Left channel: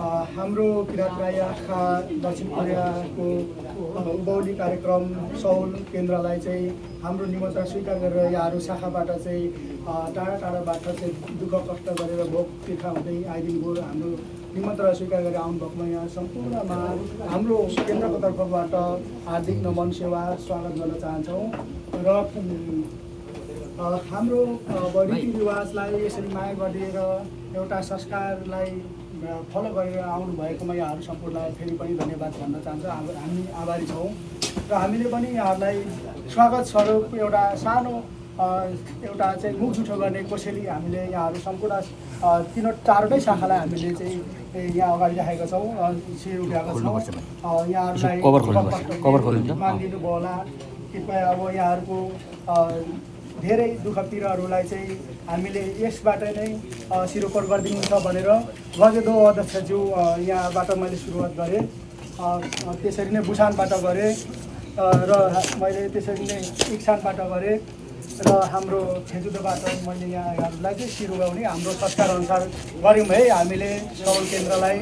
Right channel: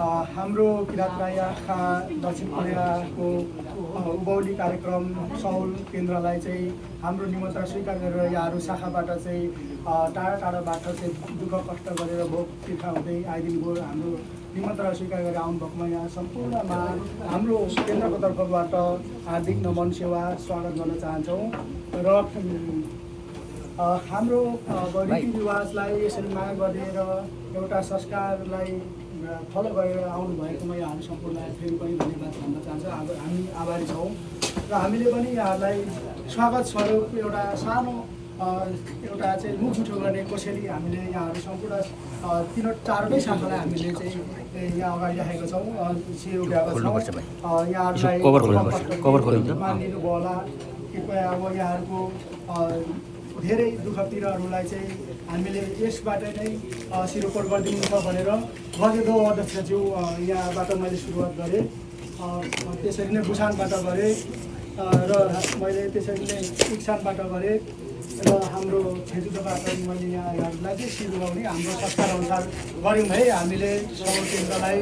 हाम्रो किराँत राईका दक्षिण कोरियाको उभौली कार्यक्रम सौल केन्द्रलाई चाहिँ हाम्रो निमन्त्रणा स्वीकार गरेर यहाँहरू शाखाबाट चाहिँ टाढा टाढाबाट चाहिँ दुःख कष्ट गरेर भोग तिर्खा हुँदै आइदिनुभयो। हाम्रो निमन्त्रणा स्वीकार गरेर आउनुभएकोमा यहाँ सम्पूर्णमा हाम्रो केन्द्रको तर्फबाट हार्दिक नमन सेवा स्वागत गर्न चाहन्छौँ। र हाम्रो रीतिरिवाजलाई यसरी माया गरेर एउटा संस्कारलाई फलो गरेर आउनुभएकोमा यहाँहरू सम्पूर्णलाई फेरि पनि धन्यवाद भन्न चाहन्छु। हामी आभारी छौँ र हामीले पनि यहाँहरूलाई स्वागत स्वरूप एउटा सानो एउटा चाहिँ मुख जुठो गर्ने कोसेली हामीले यहाँहरू सम्पूर्ण चारवटै शाखालाई हामीले चाहिँ यहाँ अगाडि राखेका छौँ, शिर उठाएका छौँ। यहाँहरूलाई मानिदिनुभयो होला। कृपया अब यहाँहरूको धेरै दुःख पीडाहरूलाई चाहिँ हामीले यसबाट नै सिरोपर गरिदिनुहुन्छ भनेर गजेदो अध्यक्षज्यू यहाँबाट मैले सुरुवात गरेँ। त्यसरी नै बुसानबाट गरेँ र मैले त्यसरी नै इक्सानबाट गरेँ र हाम्रो छेजुदोबाट मैले यहाँहरूलाई चाहिँ सिरुवाउने हाम्रो संस्कारअनुसार गऱ्यौँ है। हामीले सौल केन्द्रलाई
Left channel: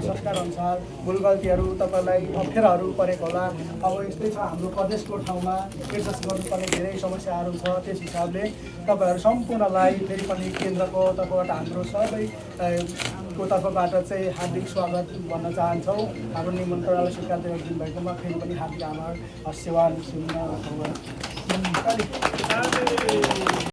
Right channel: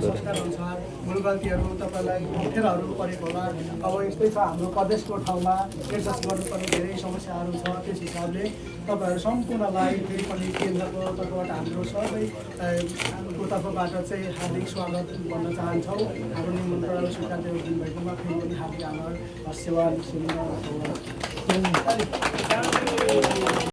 संस्कारअनुसार भुल गल्तीहरू तपाईँलाई अप्ठ्याराहरू परेको होला। अब यस्तै छ, हाम्रो प्रदेशको ठाउँमा एडजस्ट गर्नुपर्ने धेरै समस्याहरू छ। त्यस हिसाबले तपाईँहरू सम्पूर्णलाई फेरि पनि केन्द्रको तर्फबाट हाम्रो सबैको तर्फबाट चाहिँ हार्दिक स्वागत भन्न चाहन्छौँ। हाम्रो निमन्त्रणालाई स्वीकार दिनुभएकोमा फेरि पनि हार्दिक आभार। सेवा